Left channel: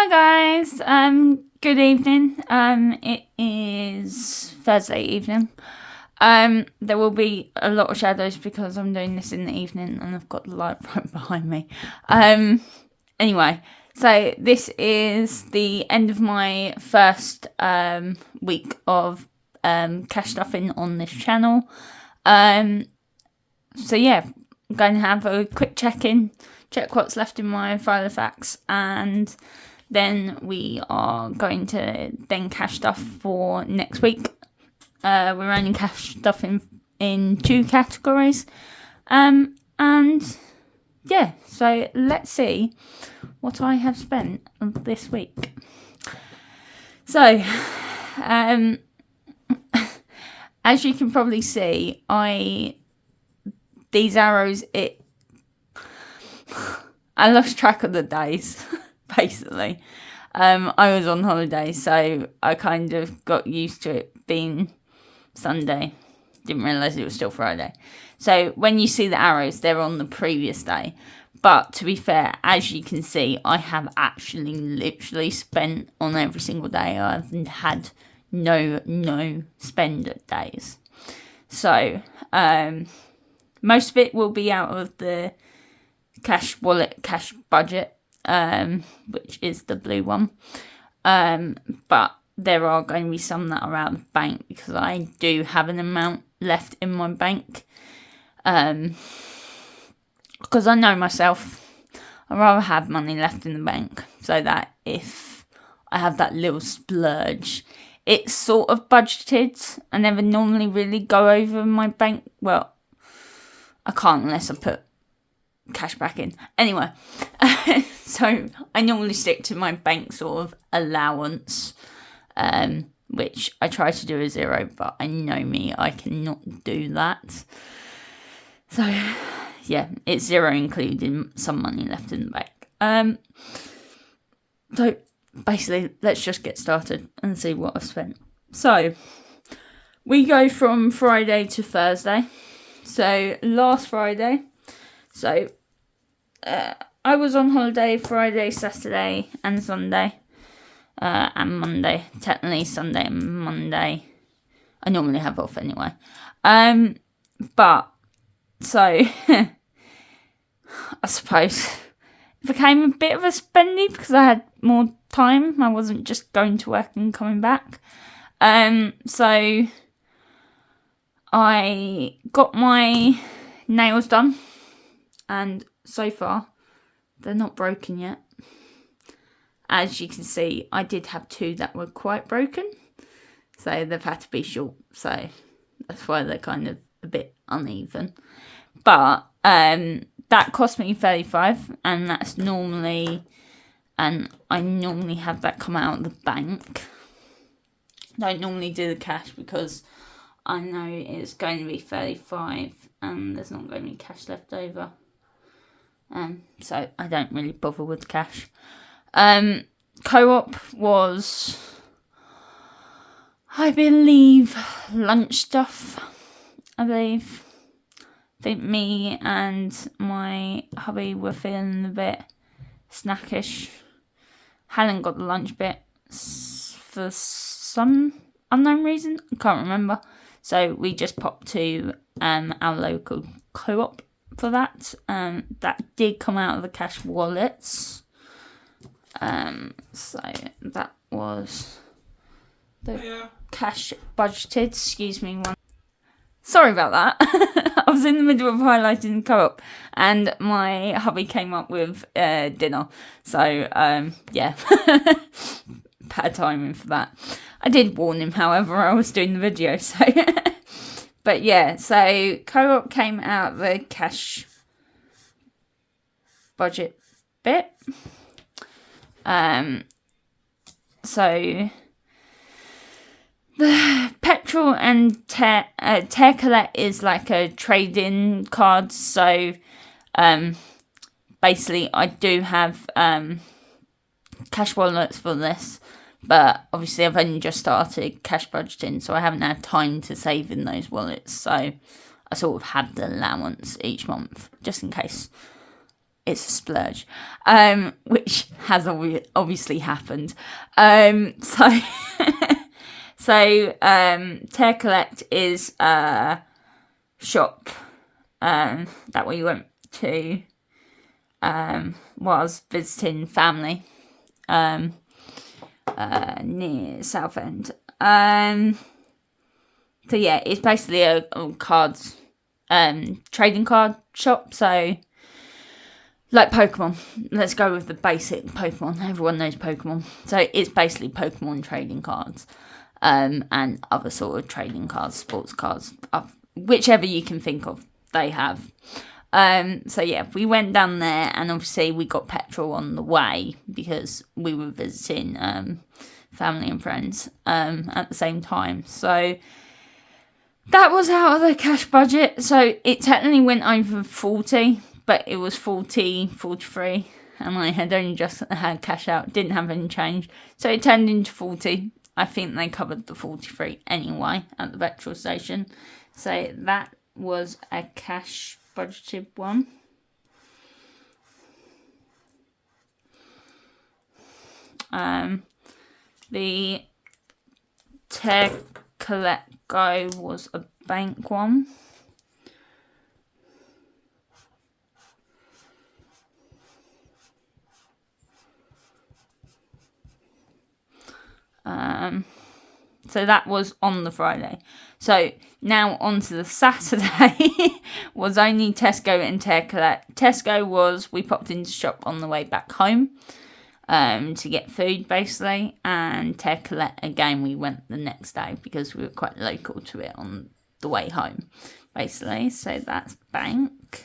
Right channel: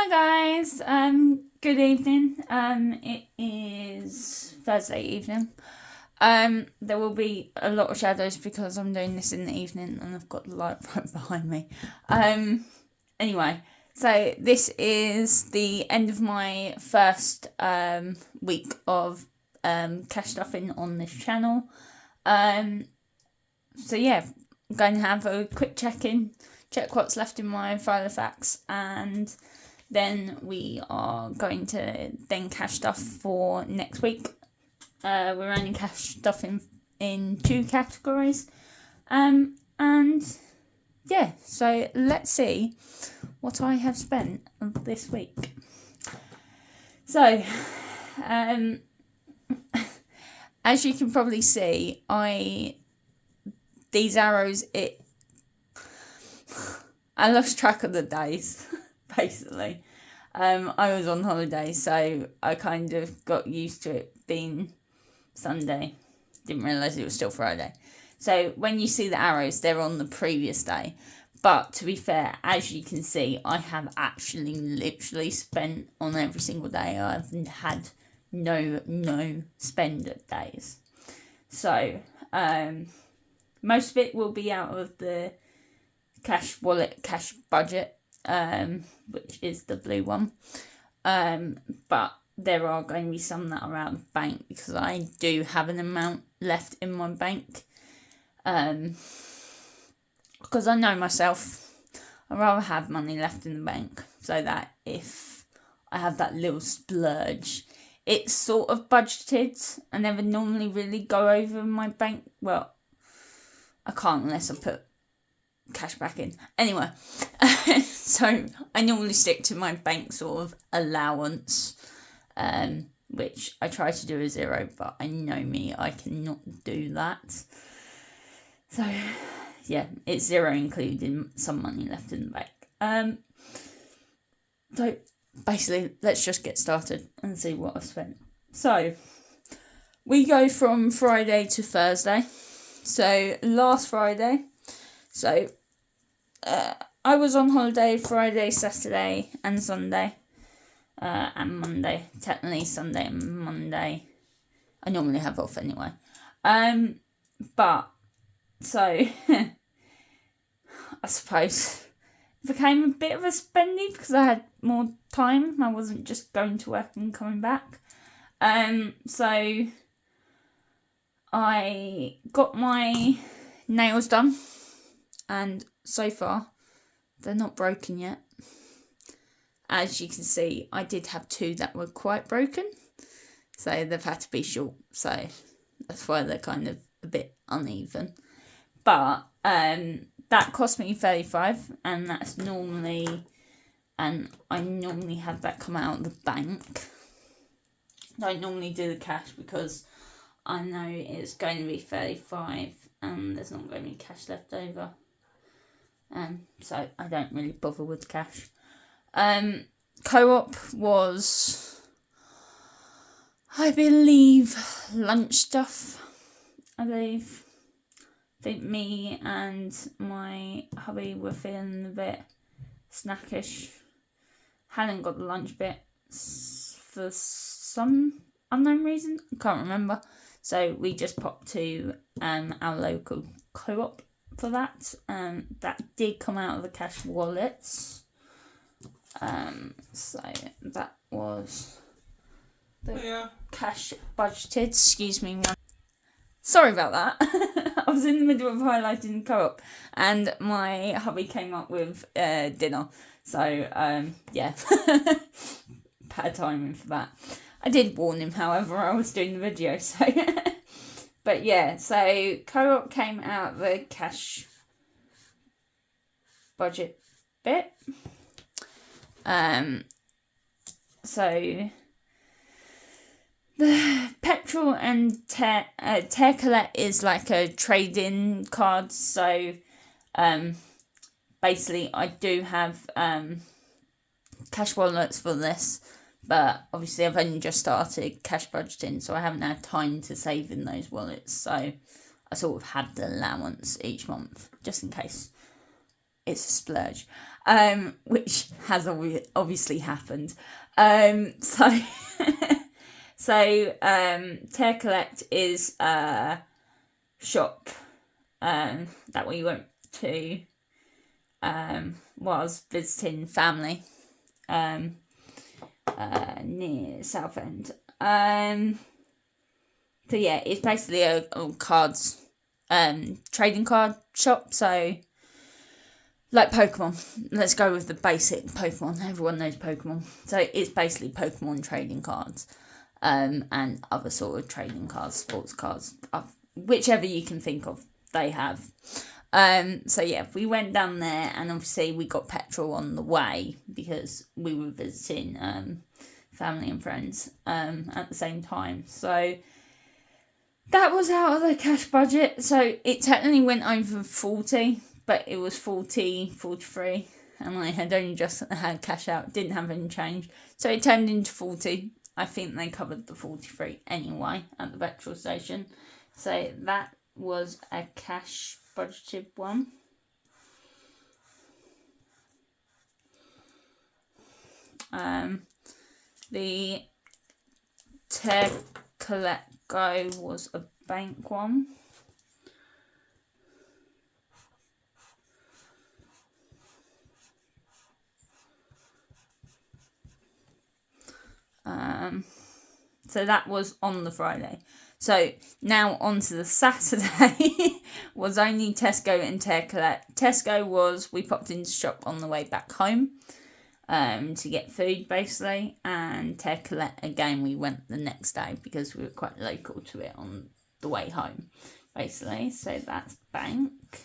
Hi guys, good evening. It is Thursday evening. There will be a lot of shadows because I'm doing this in the evening and I've got the light right behind me. Anyway, so this is the end of my first week of cash stuffing on this channel. So yeah, I'm going to have a quick check-in, check what's left in my file of facts, and then we are going to then cash stuff for next week. We're only cash stuffing in 2 categories. And yeah, so let's see what I have spent this week. So, as you can probably see, these arrows, I lost track of the days, basically. I was on holiday, so I kind of got used to it being Sunday. Didn't realise it was still Friday. So when you see the arrows, they're on the previous day. But to be fair, as you can see, I have actually literally spent on every single day. I've had no spend days. So, most of it will be out of the cash wallet, cash budget, which is the blue one. But there are going to be some that are out of the bank because I do have an amount left in my bank. Because I know myself, I'd rather have money left in the bank so that if I have that little splurge, it's sort of budgeted. I never normally really go over my bank. Well, I can't unless I put cash back in. Anyway, so I normally stick to my bank sort of allowance, which I try to do a 0, but I know me, I cannot do that. So yeah, it's 0 including some money left in the bank. So basically, let's just get started and see what I've spent. So we go from Friday to Thursday. So last Friday, I was on holiday Friday, Saturday and Sunday, and Monday. Technically Sunday and Monday I normally have off anyway. But so I suppose it became a bit of a spendy because I had more time. I wasn't just going to work and coming back. So I got my nails done, and so far they're not broken yet. As you can see, I did have 2 that were quite broken, so they've had to be short, so that's why they're kind of a bit uneven. But that cost me $35, and that's normally, and I normally have that come out of the bank. I don't normally do the cash because I know it's going to be $35 and there's not going to be cash left over. So I don't really bother with cash. Co-op was, I believe, lunch stuff. I think me and my hubby were feeling a bit snackish. Hadn't got the lunch bit for some unknown reason. I can't remember. So we just popped to our local co-op for that. That did come out of the cash wallets. So that was the cash budgeted. Excuse me. Sorry about that. I was in the middle of highlighting co-op and my hubby came up with dinner. So yeah, bad timing for that. I did warn him, however, I was doing the video, so but yeah, so co-op came out the cash budget bit. So the petrol and tear collect is like a trade-in card. So basically I do have cash wallets for this, but obviously I've only just started cash budgeting, so I haven't had time to save in those wallets. So I sort of have the allowance each month just in case it's a splurge, which has obviously happened. So Tear Collect is a shop that we went to was visiting family near Southend. So yeah, it's basically a cards trading card shop. So like Pokemon, let's go with the basic Pokemon. Everyone knows Pokemon. So it's basically Pokemon trading cards, and other sort of trading cards, sports cards, whichever you can think of, they have. So yeah, we went down there, and obviously we got petrol on the way because we were visiting family and friends at the same time. So that was out of the cash budget. So it technically went over 40, but it was 43, and I had only just had cash out, didn't have any change. So it turned into 40. I think they covered the 43 anyway at the petrol station. So that was a cash budgeted one. The Tear Collect Go was a bank one. So that was on the Friday. So now on to the Saturday was only Tesco and Tear Collect. Tesco was, we popped into shop on the way back home to get food basically, and Tear Collect again we went the next day because we were quite local to it on the way home basically. So that's bank.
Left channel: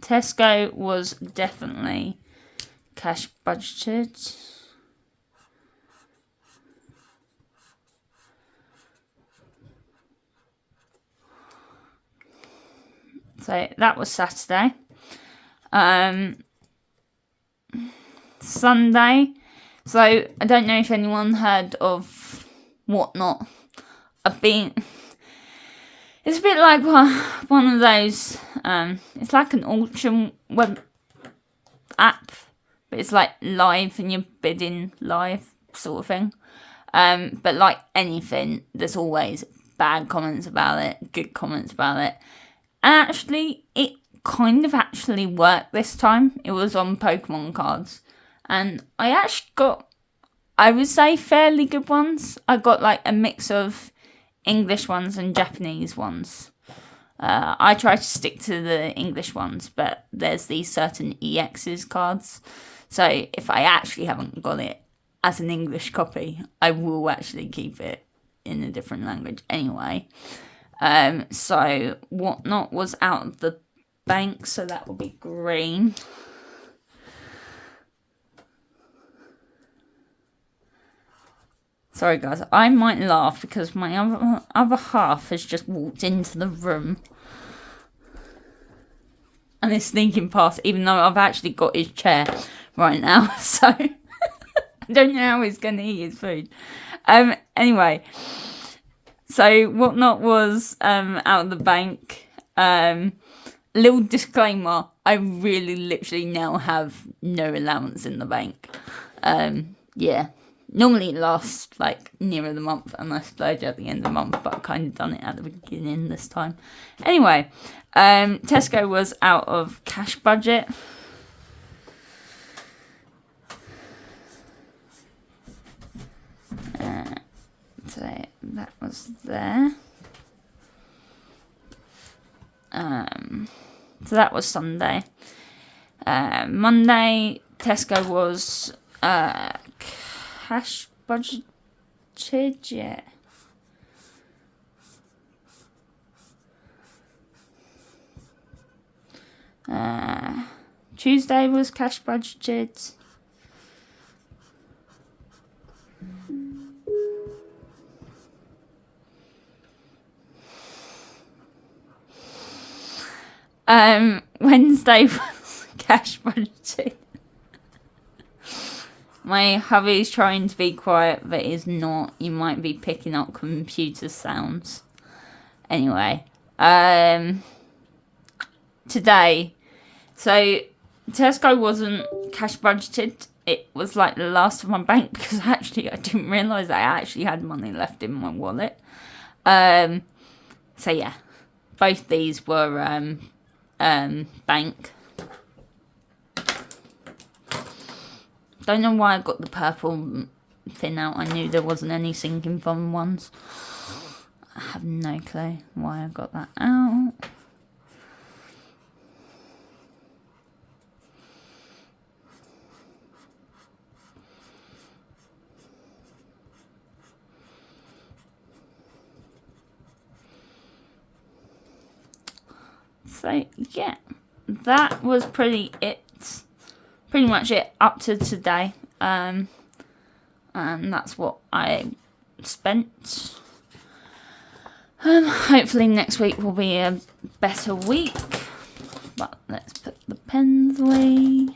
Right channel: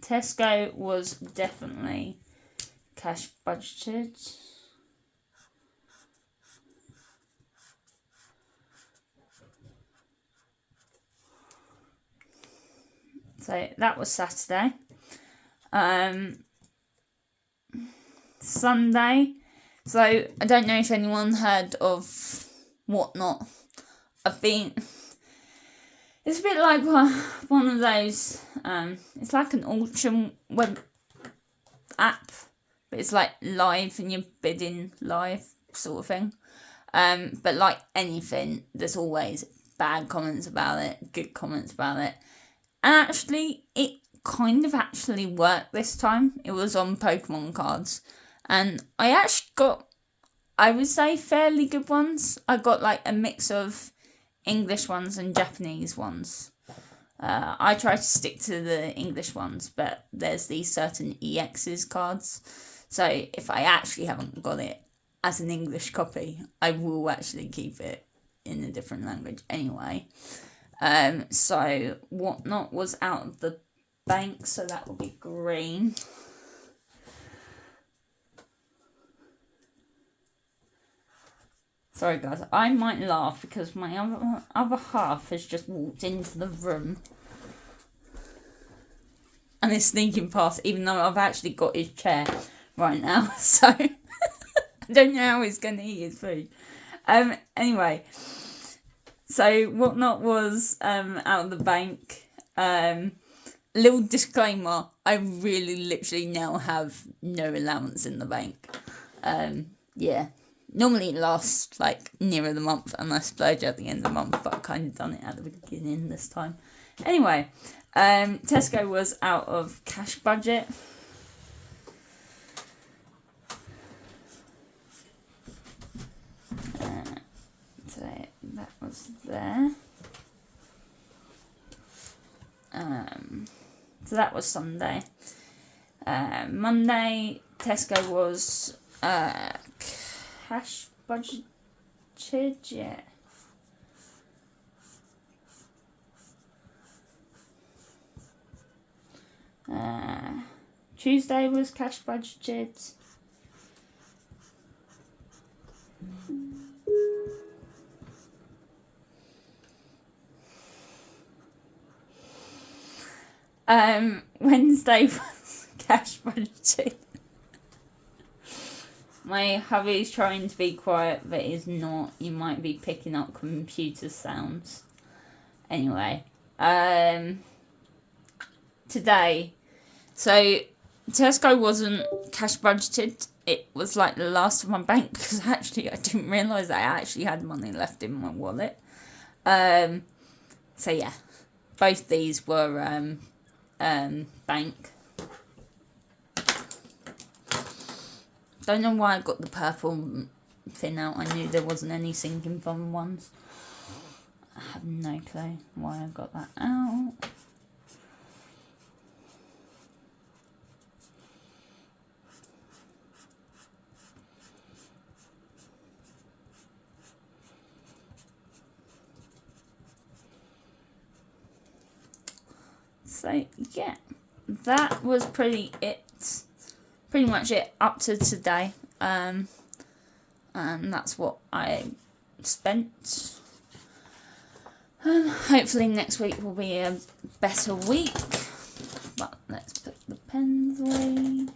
Tesco was definitely cash budgeted. So that was Saturday. Sunday. So I don't know if anyone heard of Whatnot. It's a bit like one of those. It's like an auction web app, but it's like live and you're bidding live sort of thing. But like anything, there's always bad comments about it, good comments about it. And actually, it kind of actually worked this time. It was on Pokemon cards. And I actually got, I would say, fairly good ones. I got like a mix of English ones and Japanese ones. I try to stick to the English ones, but there's these certain EXs cards. So if I actually haven't got it as an English copy, I will actually keep it in a different language anyway. So Whatnot was out of the bank, so that will be green. Sorry guys, I might laugh because my other half has just walked into the room and is sneaking past, even though I've actually got his chair right now, so I don't know how he's going to eat his food. Anyway, so Whatnot was out of the bank. Little disclaimer, I really literally now have no allowance in the bank. Yeah. Normally it lasts like nearer the month and I splurge at the end of the month, but I've kind of done it at the beginning this time. Anyway, Tesco was out of cash budget. So that was there. So that was Sunday. Monday, Tesco was cash budgeted, yeah. Tuesday was cash budgeted. Wednesday was cash budgeted. My hubby's trying to be quiet, but is not. You might be picking up computer sounds. Anyway, today, So Tesco wasn't cash budgeted. It was like the last of my bank because actually I didn't realise I actually had money left in my wallet. So yeah, both these were bank. Don't know why I got the purple fin out. I knew there wasn't any sinking fund ones. I have no clue why I got that out. So yeah, that was pretty much it up to today. And that's what I spent. Hopefully next week will be a better week. But let's put the pens away.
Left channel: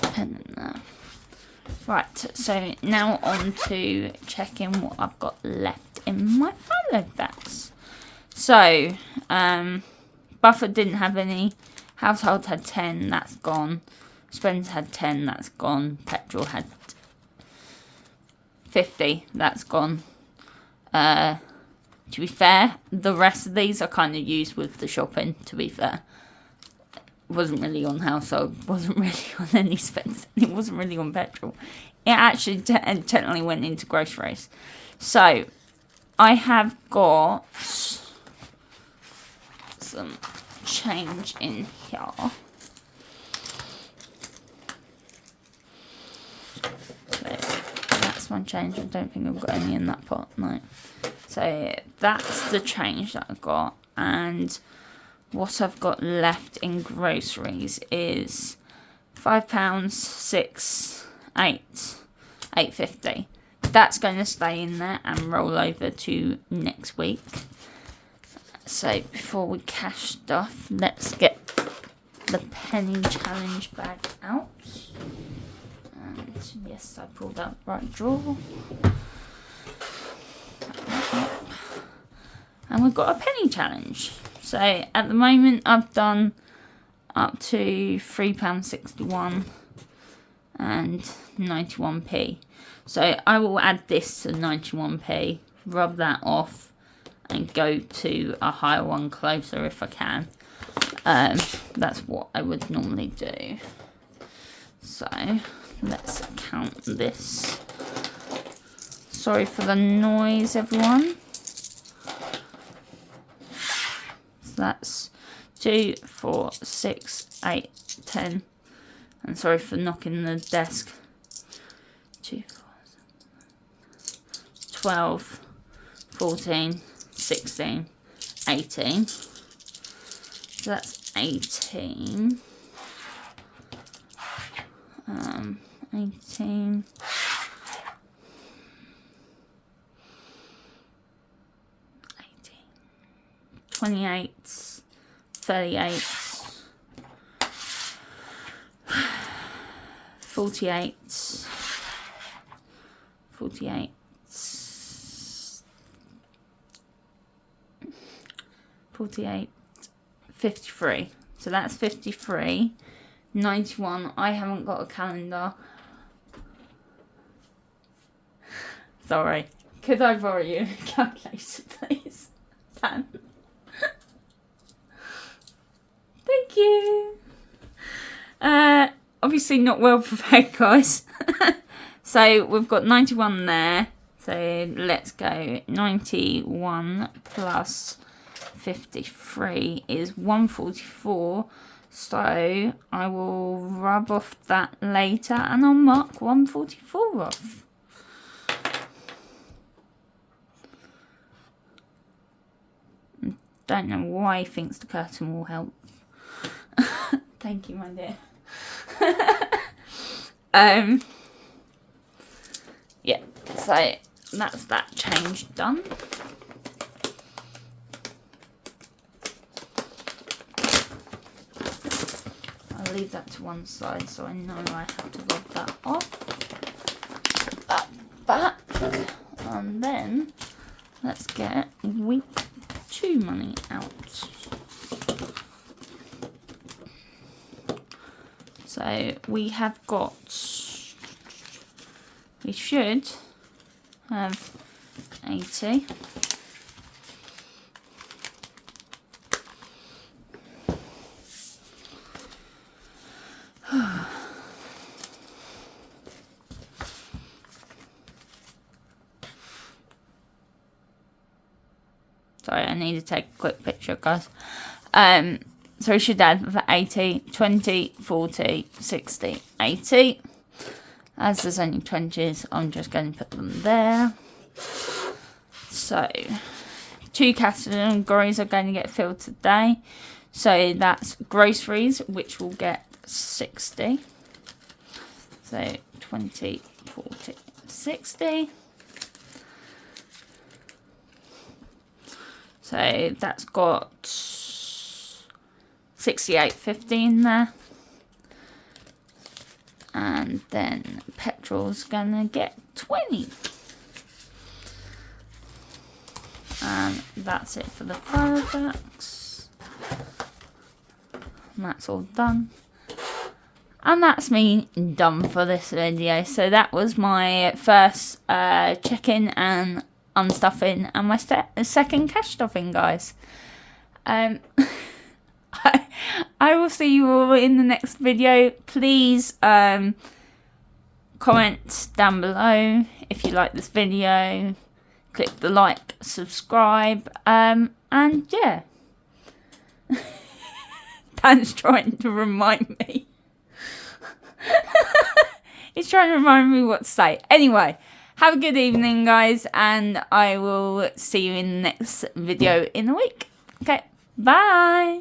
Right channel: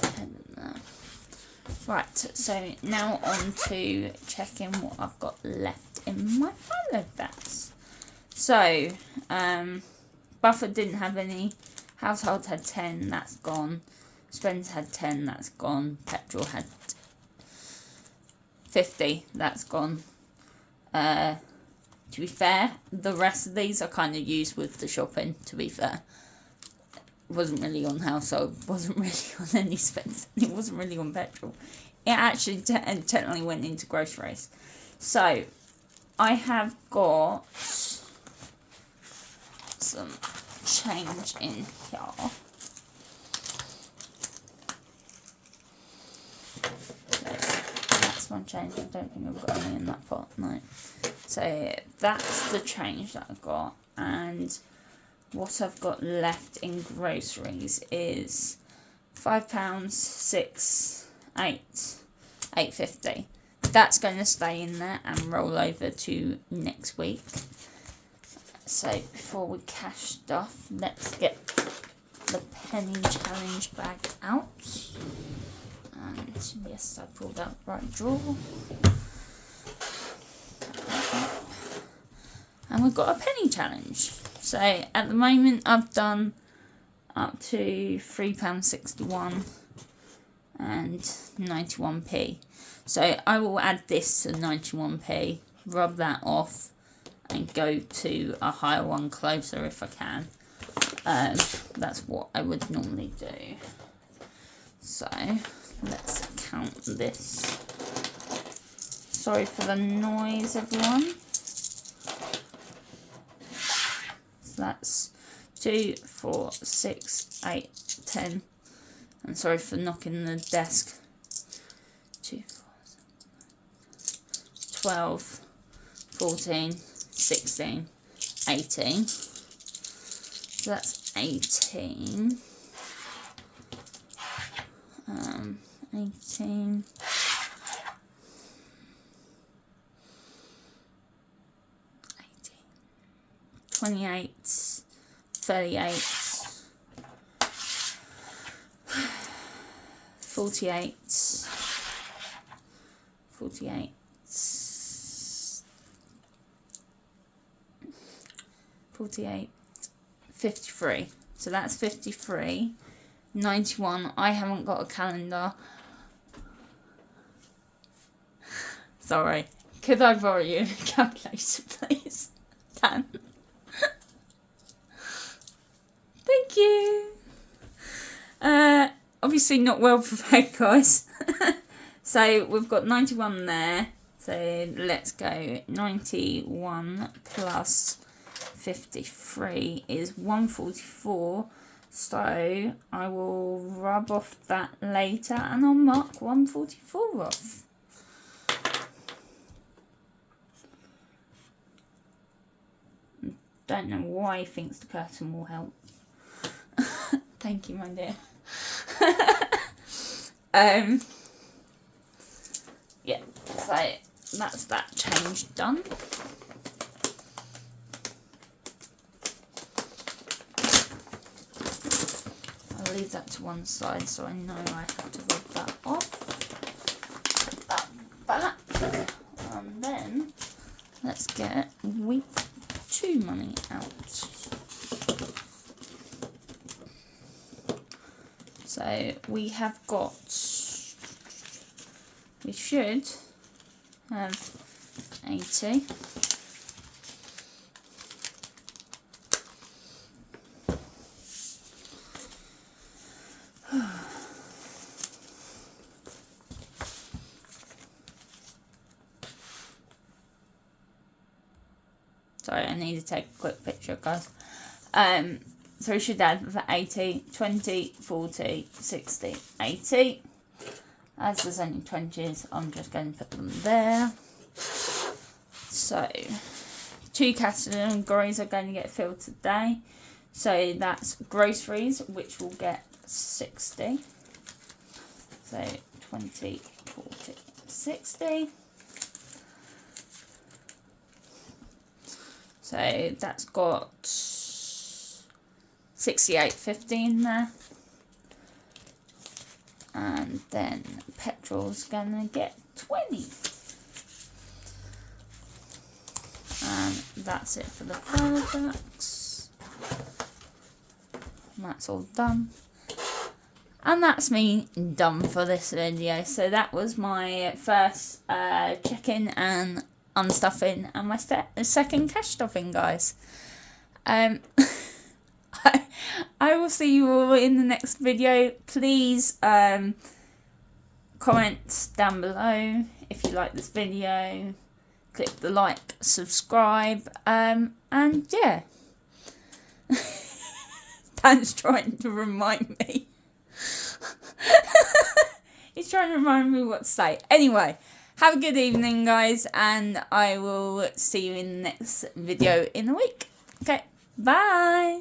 Pen in there. Right, so now on to checking what I've got left in my follow bags. So, Buffett didn't have any. Household had 10, that's gone. Spence had 10, that's gone. Petrol had 50, that's gone. To be fair, the rest of these I kind of used with the shopping, to be fair. Wasn't really on household, wasn't really on any spends, it wasn't really on petrol. It actually technically went into groceries. So, I have got some change in here. So that's my change. I don't think I've got any in that pot, no. So that's the change that I've got, and what I've got left in groceries is £5, 6, 8, £8.50. That's going to stay in there and roll over to next week. So before we cash stuff, let's get the penny challenge bag out. And yes, I pulled out the right drawer. And we've got a penny challenge. So at the moment I've done up to £3.61 and 91p. So I will add this to 91p, rub that off, and go to a higher one closer if I can. That's what I would normally do. So let's count this. Sorry for the noise, everyone. So that's 2, 4, 6, 8, 10. And sorry for knocking the desk. 2, 4, 12, 14, 16, 18. So that's 18. 18. 28, 38, 48, 48, 48, 53. So that's 53. 91. I haven't got a calendar. Sorry. Could I borrow you a calculator, please? Dan. Thank you. Obviously not well prepared, guys. So we've got 91 there. So let's go. 91 plus 53 is 144. So I will rub off that later and I'll mark 144 off. Don't know why he thinks the curtain will help. Thank you, my dear. Yeah, so that's that change done. I'll leave that to one side so I know I have to rub that off. Put that back. And then let's get week 2 money out. So we should have 80. Sorry, I need to take a quick picture, guys. So we should add 80, 20, 40, 60, 80. As there's only 20s, I'm just going to put them there. So 2 categories are going to get filled today. So that's groceries, which will get 60. So 20, 40, 60. So that's got 68.50 in there. And then petrol's gonna get 20. And that's it for the fireworks. And that's all done. And that's me done for this video. So that was my first check-in and unstuffing and my second cash stuffing, guys. I will see you all in the next video. Please comment down below if you like this video. Click the like, subscribe, and yeah. Dan's trying to remind me. He's trying to remind me what to say. Anyway, have a good evening, guys, and I will see you in the next video in a week. Okay, bye.